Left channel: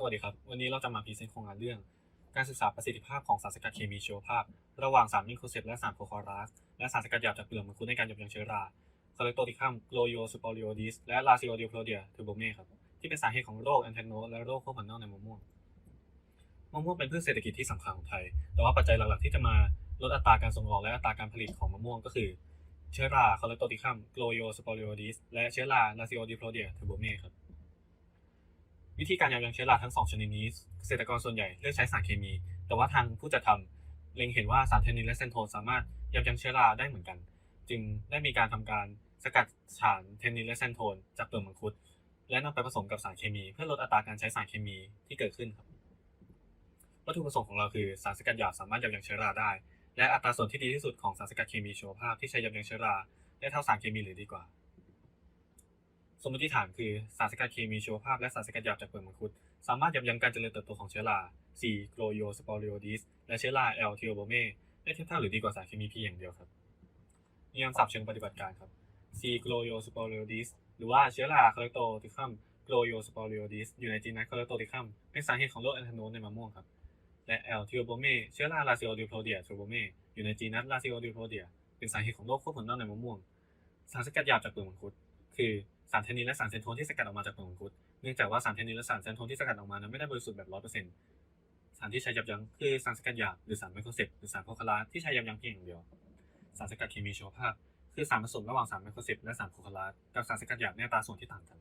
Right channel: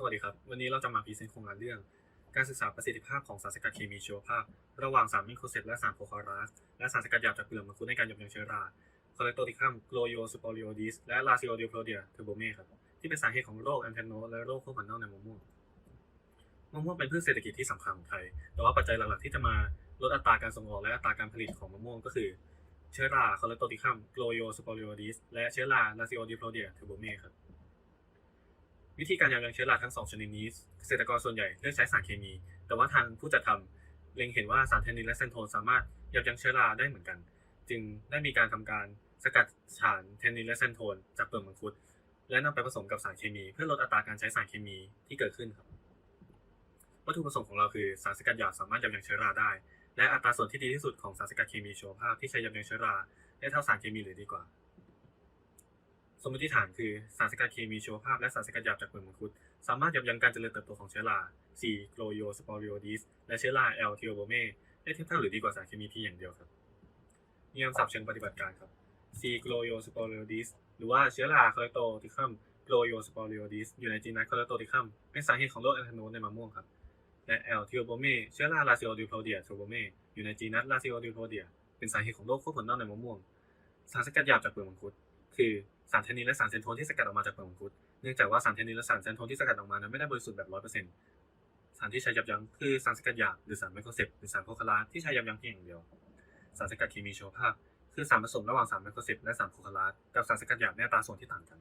สวัสดีครับ วันนี้เราจะมาพรีเซนต์โครงงานเรื่อง การศึกษาประสิทธิภาพของสารสกัดเคมีชีวภาพ ระหว่างสารมิโครเซปและสารโพคอรัสและสารสกัดหยาบจากเปลือกมังคุดในการยับยั้งเชื้อราคอเลโตติคัมโกลโยสปอริโอดิสและลาซิโอดิโพเดียเทอร์โบเมครับที่เป็นสาเหตุของโรคแอนเทนโนและโรคข้อหัวเน่าในมะม่วงมะม่วงเป็นพืชเศรษฐกิจที่สำคัญของไทย แต่ว่าปัจจัยหลักๆที่จะมาลดอัตราการส่งออกและอัตราการผลิตของมะม่วงก็คือเชื้อราคอเลโตติคัมโกลโยสปอริโอดิสและเชื้อราลาซิโอดิโพเดียเทอร์โบเมครับ วิธีการยับยั้งเชื้อราทั้งสองชนิดนี้เกษตรกรส่วนใหญ่เลือกใช้สารเคมี แต่ว่าทางผู้จัดทำเล็งเห็นว่าสารเทนนินและเซนโทนสามารถยับยั้งเชื้อราได้เหมือนกัน จึงได้มีการทำการสกัดสารเทนนินและเซนโทนจากเปลือกมังคุด และนำไปผสมกับสารเคมี เพื่อลดอัตราการใช้สารเคมีที่เกิดขึ้นครับวัตถุประสงค์ของเราคือสารสกัดหยาสามารถยับยั้งเชื้อราได้ และอัตราส่วนที่ดีที่สุดของสารสกัดเคมีชีวภาพที่ใช้ยับยั้งเชื้อราได้เท่าสารเคมีหรือดีกว่า สมมติฐานคือสารสกัดเคมีชีวภาพและสารสกัดหยาบจากเปลือกมังคุด สามารถยับยั้งการเจริญเติบโตของเชื้อรา C. c l o y o s p o r i o d i s และเชื้อรา L. t h e o b o m e ได้เทียบเท่าหรือดีกว่าสารเคมีเพียงอย่างเดียวครับนิยามศัพท์เชิงปฏิบัติการครับ C. c l o y o s p o r i o d i s หรือว่าเชื้อรา c o l e c t o t i c u m c l o y o s p o r i o d i s อยู่ในจีนัส c o l e c t o t i c u m เป็นสาเหตุของโรคแอนทานนในมะม่วงครับ และ L. t h e o b o m e เชื้อรา Lasiodipodia t h e o b r o m e อยู่ในจีนัส Lasiodipodia เป็นสาเหตุของโรคข้อผลเน่าในมะม่วง สารสกัดหยาบจากเปลือกมังคุด คือ สารเทนนินและสารเซนโทนที่สกัดออกมาจากเปลือกมังคุด เนื่องจากว่าสารเทนนินและสารเซนโทนที่สกัดออกมานั้นไม่ได้บริสุทธิ์แบบร้อยเปอร์เซ็นต์สารที่ใช้ยับยั้งคือสารสกัดหยาบหรือสารไมโครเซปหรือสารโพคาราที่ใช้ยับยั้งเพียงอย่างเดียว สารสกัดเคมีชีวภาพ คือสารผสมระหว่างสารไมโครเซปและสารโพคารากับสารสกัดหยาบในอัตราส่วนที่ต่างกัน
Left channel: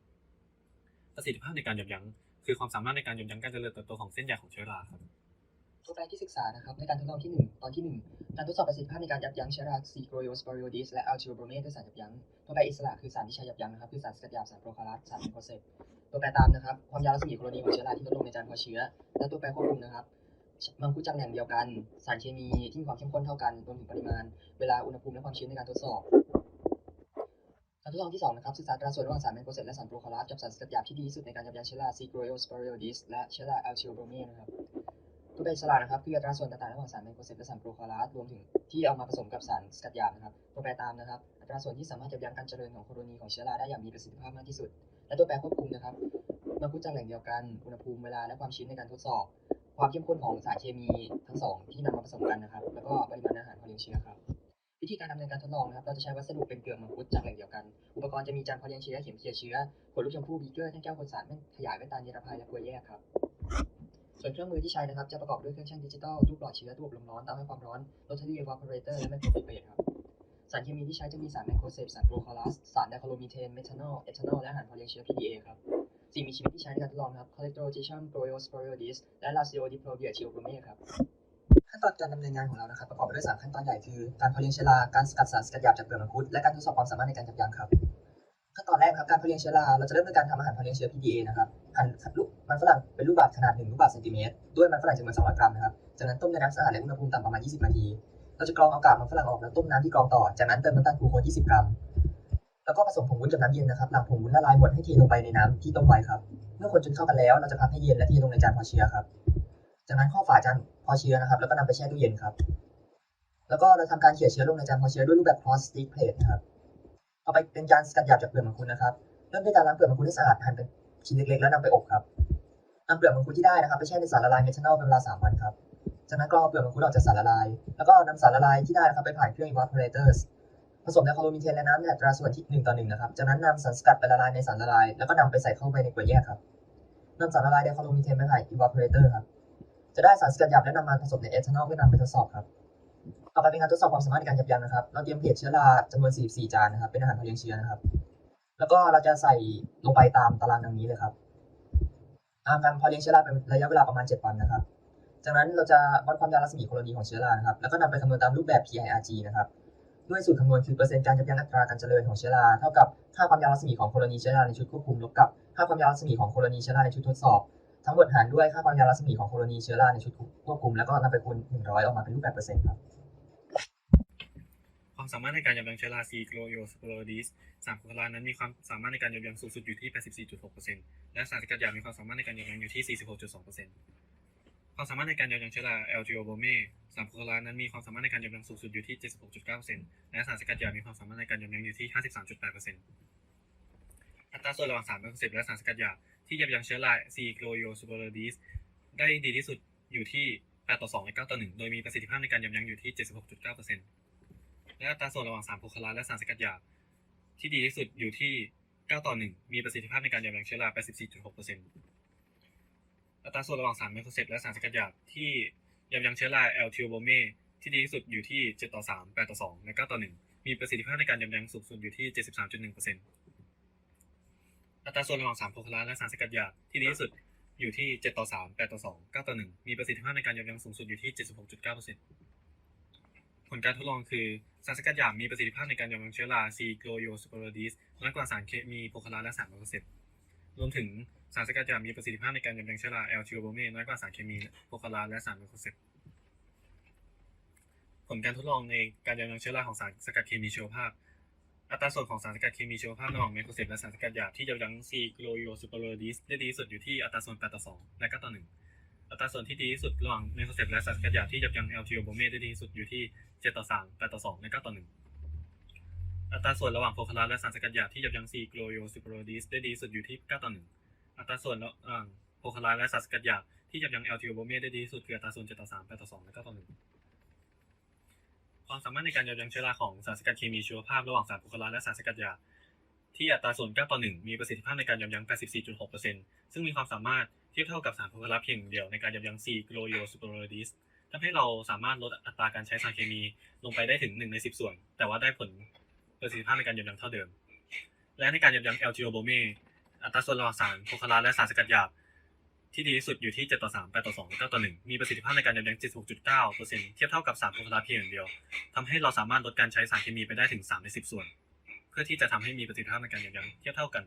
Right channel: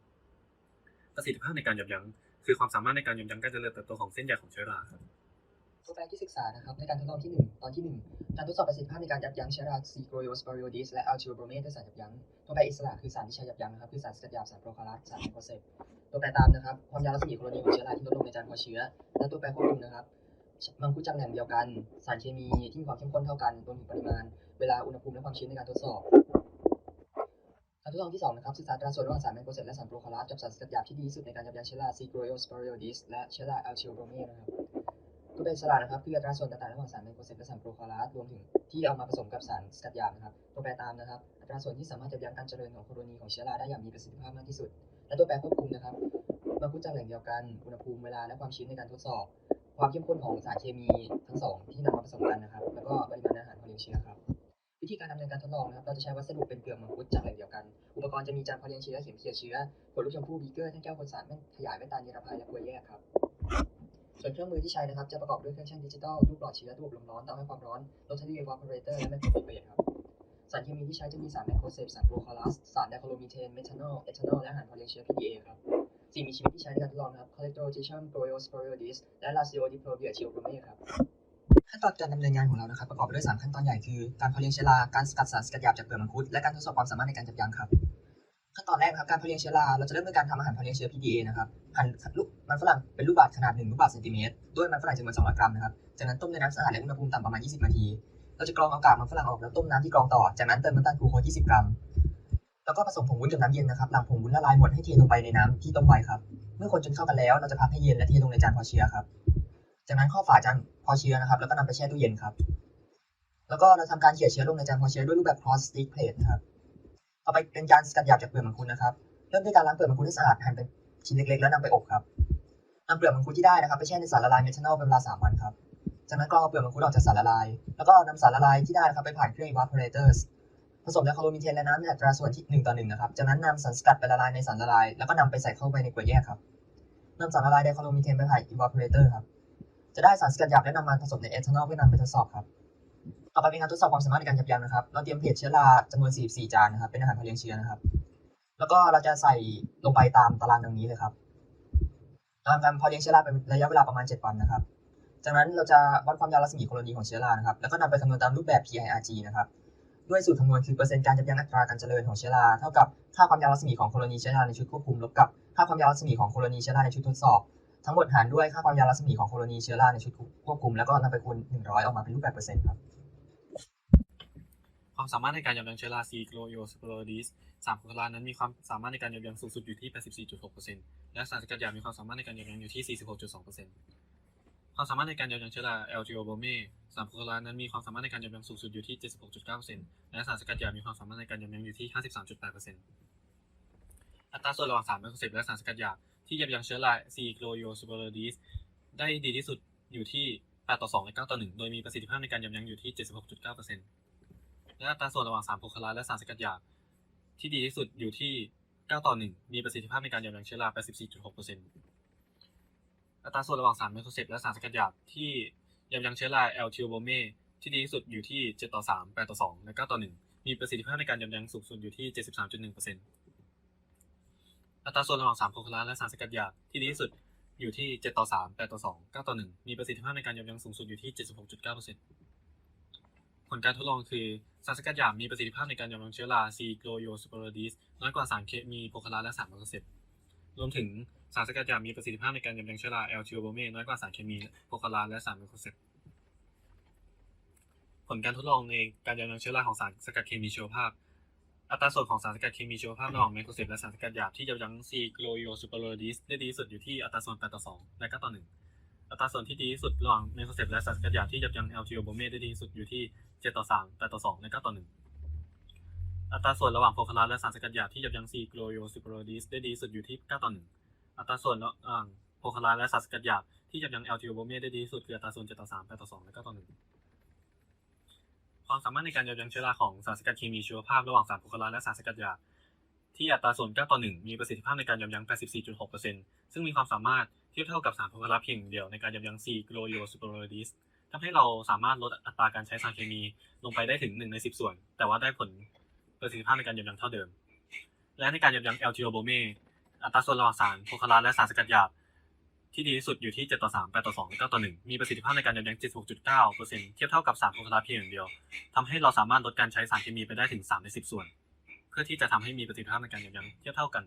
ประสิทธิภาพในการยับยั้งคือความสามารถในการยับยั้งการเจริญเติบโตของเส้นใยของเชื้อราครับ ตัวแปรที่ศึกษานะครับในการทดลองที่ 1 ตอนที่ 1 การทดสอบประสิทธิภาพในการยับยั้งเชื้อรา C. g r o y o s p o r i o d i s และ a l t i o b r o m e ด้วยสารยับยั้งตัวแปรอิสระคือสารที่ใช้ยับยั้งนะครับคือสารสกัดยาสารโปรคารัสสารไมโครเซปตัวแปรตามนะครับความยาวรัศมีโคโลนีของเชื้อราที่ลดลงในจานเพาะเชื้อ และตัวแปรควบคุมนะครับมังคุดจากแหล่งเดียวกัน สารเคมีที่มีความเข้มข้นเท่ากันรวมถึงปริมาณ เวลาอุณหภูมิและความชื้นในการทดสอบการทดลองที่ 2 นะครับ ศึกษาตราส่วนระหว่างสารไมโครเซปและสารโปรคารัสกับสารสกัดหยาบที่ดีที่สุดในการยับยั้งเชื้อรา C. g r o y o s p o r i o d i s และเชื้อรา a l t i o b r o m e นะครับ ตัวแปรอิสระนะครับคืออัตราส่วนต่างๆระหว่างสารไมโครเซปและสารโปรคารัสรวมถึงที่เอามาผสมกับสารสกัดหยาบนะครับตัวแปรตามนะครับ อัตราส่วนที่สามารถยับยั้งการเจริญของโคโลนีของเชื้อราได้อย่างมีประสิทธิภาพมากที่สุด และตัวแปรควบคุมนะครับมาพูดจากแหล่งเดียวกันอุณหภูมิเวลาและความชื้นในการทดสอบ ความเข้มข้นของสารเคมีทั้งสองที่นำมาผสมกันนะครับ แล้วก็ปริมาณอาหารพอเลี้ยงเชื้อครับวิธีการดำเนินการทดลองนะครับ เราจะใช้วัสดุเป็นเกลือมังคุดจากแหล่งเดียวกัน อุปกรณ์จะมีจานพอเลี้ยงเชื้อเข็มเจียเชื้อขวดลูกชมพู่บีเกอร์แท่งแก้วคนสารแว่นขยายแว่นตานิรภัยและกลวยแยกครับ ส่วนเครื่องมือที่ใช้นะครับ จะประกอบด้วยเครื่องชั่งดิจิตอลรูปหลอดเชื้อตู้อบลมร้อนเตาให้ความร้อนโรตารี่ evaporator และไมโครฟิเบตครับสารเคมีที่ใช้จะมีสารไมโครเซปสารโปรคอลัสสารไดคลอโรมีเทนเมทานอลเอทานอลและอาหารพอเลี้ยงเชื้อ PDA ครับสิ่งมีชีวิตที่ใช้ในการทดลองครับ Collectotrichum Broiosporioidis และ Lasiodiplobia theobrome ครับขั้นตอนการดำเนินงานของเรานะครับประกอบไปด้วย3ขั้นตอนใหญ่คือการเพาะเลี้ยงเชื้อราการสกัดสารสกัดหยาบจากเปลือกมังคุดและการทดสอบความสามารถในการยับยั้งครับ ขั้นตอนแรกครับการเพาะเลี้ยงเชื้อราเราจะเริ่มด้วยการทำอาหารเพาะเลี้ยงเชื้อ PDA นะครับหั่นลูกมันฝรั่งเป็นลูกบาศก์ขนาด1ลูกบาศก์เซนติเมตรด้วยมันฝรั่งจำนวน200 กรัมนะครับจากนั้นต้มในน้ำสะอาดและอุณหภูมิต่ำประมาณ 20 นาที เราจะกรองเอากากมันฝรั่งออกแล้วต้มน้ำที่กรองต่อจากนั้นเติมน้ำตาลกลูโคส20 กรัม แล้วก็ผสมผงวุ้นกับน้ำเย็นนะครับหลังผงวุ้นละลายหมดให้เทลงไปในน้ำที่ต้มไว้ครับเมื่อคนจนเข้ากันแล้วเราจะพักให้เย็นและเทลงในจานพาะเชื้อครับจากนั้นข้อฝาจานพาะเชื้อนะครับแล้วก็นำไปแช่ตู้เย็นครับแล้วก็เราทำการเขี่ยเชื้อลงในจานพาะเชื้อด้วยรูปแบบ cross stick plate นะครับ ต่อไปเป็นการสกัดหยาบจากเปลือกมังคุดนะครับ เริ่มด้วยการล้างเปลือกมังคุดให้สะอาดหั่นเป็นชิ้นเล็กๆ แล้วนำไปอบครับนำเปลือกมังคุดที่ได้นะครับไปแช่ในสารละลายเมทานอลเป็นเวลา3วันครับ จากนั้นกรองเอาเปลือกมังคุดออกจากสารละลาย แล้วก็นำสารละลายที่ได้นะครับไปผ่านเครื่อง evaporators ผสมไดคลอโรมีเทนและน้ำในอัตราส่วนที่1ต่อ1นะครับ จากนั้นนำสารสกัดไปละลายในสารละลาย แล้วก็นำไปใส่เข้าไปในกรวยแยกครับนำสารละลายไดคลอโรมีเทนไปผ่าน evaporator ครับ จะได้สารสกัดหยาบและนำมาผสมในเอทานอลเพื่อนำไปทดสอบครับ ต่อไปเป็นการทดสอบความสามารถในการยับยั้งนะครับ เราเตรียมเพจเชื้อราจำนวน 44 จานนะครับ เป็นอาหารเพาเลี้ยงเชื้อนะครับ แล้วก็เราจะใส่ลงไปตามตารางดังนี้เลยครับทำการพาเลี้ยงเชื้อราเป็นระยะเวลาประมาณ 7 วันนะครับ จากนั้นเราจะวัดความยาวรัศมีโคโลนีของเชื้อรานะครับ แล้วก็นำไปคำนวณตามรูปแบบ PIRG นะครับ ด้วยสูตรคำนวณคือเปอร์เซ็นต์การยับยั้งอัตราการเจริญของเชื้อรา เท่ากับค่าความยาวรัศมีของโคโลนีเชื้อราในชุดควบคุมลบกับค่าความยาวรัศมีของโคโลนีเชื้อราในชุดทดสอบทั้งหมดหารด้วยค่าความยาวรัศมีของโคโลนีเชื้อราในชุดควบคุม แล้วก็นำไปคูณ100 ออกมาเป็นรูปแบบเปอร์เซ็นต์ครับ ความสามารถในการยับยั้งเชื้อรา C. c l o y o s p o r i o d i s สารโคารานั้นมีความสามารถในการยับยั้งสูงสุดอยู่ที่ 84.6%และสารสกัดหยาบมีความสามารถในการยับยั้งอยู่ที่ 46.2%ความสามารถในการยับยั้งเชื้อรา L. g o b r o m e สารโคารานั้นมีความสามารถในการยับยั้งสูงสุดอยู่ที่ 76.9%และสารสกัดหยาบมีความสามารถในการยับยั้งอยู่ที่ 53.8%อัตราส่วนระหว่างสารไมโครเซปและสารสกัดหยาบที่ยับยั้งเชื้อรา C. gloriola superioris ได้ดีที่สุดอยู่ที่8ต่อ2และ9ต่อ1โดยมีประสิทธิภาพในการยับยั้งอยู่ที่ 76.9% และอัตราส่วนระหว่างสารโพคาราและสารสกัดหยาบที่ดีที่สุดอยู่ที่ 9 ต่อ 1 มีประสิทธิภาพในการยับยั้งเชื้อรา 84.6%อัตราส่วนระหว่างสารไมโครเซปและสารสกัดหยาบที่ยับยั้งเชื้อรา L. t i o b r o m e ที่ดีที่สุดอยู่ที่ 7 ต่อ 3 8 ต่อ 2 และ 9 ต่อ 1 มีประสิทธิภาพในการยับยั้งสูงสุดอยู่ที่ 73.1%อัตราส่วนระหว่างสารโพคาราและสารสกัดหยาบที่ดีที่สุดอยู่ที่ 7 ต่อ 3 8 ต่อ 2 9 ต่อ 1 มีประสิทธิภาพในการยับยั้งสูงสุดอยู่ที่ 76.9% ผลการทดลองคือสารสกัดหยาบมีประสิทธิภาพในการยับยั้งเชื้อรา C. gloriola superioris น้อยกว่าสารเคมีโพคาราและสารมโครเซปรวมถึงสารสกัดหยาบมีประสิทธิภาพในการยับยั้งเชื้อรา L. t i o b r o m e น้อยกว่าสารเคมีโพคาราและสารมโครเซปผลการทดลองในการยับยั้งเชื้อราของสารสกัดเคมีชีวภาพ อัตราส่วนของสารสกัดเคมีชีวภาพระหว่างไมโครเซปและสารสกัดหยาบที่ยับยั้ง C. gloriola superioris ได้ดีที่สุดอยู่ที่อัตราส่วน8ต่อ2และ9ต่อ1 อัตราส่วนที่ดีที่สุดระหว่างไมโครเซปและสารสกัดหยาที่ยับยั้ง L. t i o b r o m e ได้ดีที่สุดอยู่ที่7ต่อ3 8ต่อ2และ9ต่อ1อัตราส่วนระหว่างโพคาราและสารสกัดหยาที่ยับยั้ง C. gloriola superioris ได้ดีที่สุดอยู่ที่9ต่อ1อัตราส่วนระหว่างโพคาราและสารสกัดหยาที่ยับยั้ง L. t i o b r o m e ได้ดีที่สุดคืออัตราส่วน7ต่อ3 8ต่อ2และ9ต่อ1ความสามารถในการยับยั้งเชื้อราของสารสกัดเคมีชีวภาพระหว่างสารโพคาราและสารสกัดหยาที่อัตราส่วน9ต่อ1มีประสิทธิภาพในการยับยั้ง84.6%ซึ่งมีความสามารถ ทียบเท่ากับสารโพคาราเพียงเดียวในการยับยั้ง C. gloriola superioris ทำให้เราสามารถลดอัตราการใช้สารเคมีลงไปได้ถึง 1 ใน 10 ส่วน แต่ว่าได้ผลประสิทธิภาพในการยับยั้งเท่าเดิม และในการยับยั้ง L. t i o b r o m e อัตราส่วนระหว่างสารโพคาราและสารสกัดหยาบที่ดีที่สุดอยู่ที่ 7 ต่อ 3 8 ต่อ 2 9 ต่อ 1 มีประสิทธิภาพในการยับยั้ง 76.9%เทียบเท่ากับสารโพคาราเพียงอย่างเดียวทำให้เราสามารถลดการใช้สารเคมีไปได้ถึง 3 ใน 10 ส่วน เพื่อที่จะทำให้มีประสิทธิภาพในการยับยั้งเทียบเท่ากัน